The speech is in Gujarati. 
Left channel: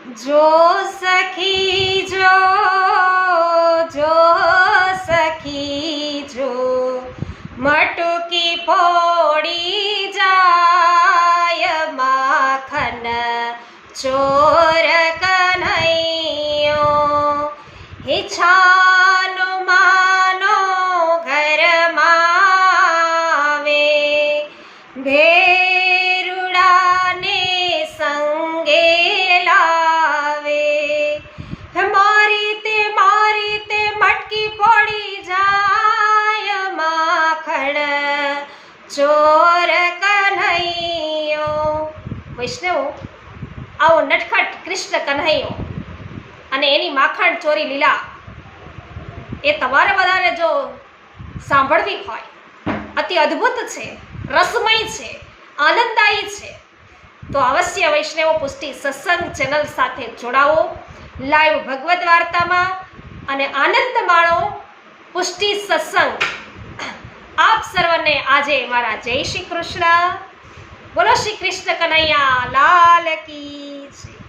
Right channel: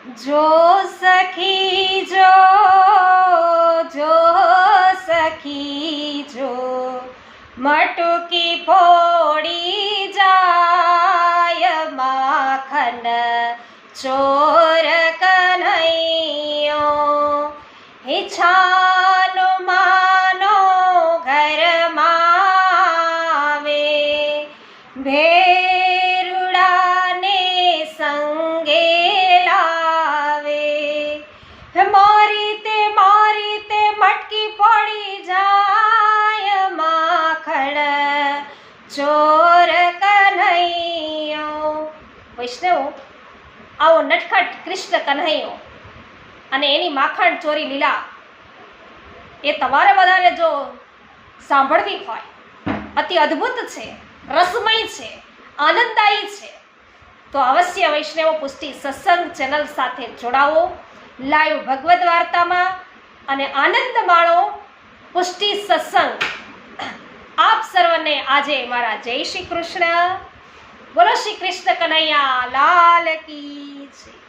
જો સખી જો સખી જો મટકી ફોડી જાય માખન ચોર કન્હૈયો હે છાનો માનો ઘરમાં આવે ભેરુડાને સંગે લાવે મારી તે મટકી પડી જાય માખણ ચોર કન્હૈયો। વૈષ્ણવ, આવો નટખટ કૃષ્ણ કન્હૈયો અને એની માખણ ચોરી લીલા એ તમારે બધાને જો સાંભળવી હોય, અતિ અદ્ભુત છે, રસમય છે, આનંદદાયી છે, તો અવશ્ય વૈષ્ણવ પુષ્ટિ સત્સંગ ચેનલ સાથે જોડાવો, લાઈવ ભગવદ્ વાર્તામાં અને આનંદ માણો પુષ્ટિ સત્સંગ। આપ સર્વને આજે મારા જય શ્રી કૃષ્ણ। બોલો શ્રી કૃષ્ણ કનૈયા લાલ કી જય।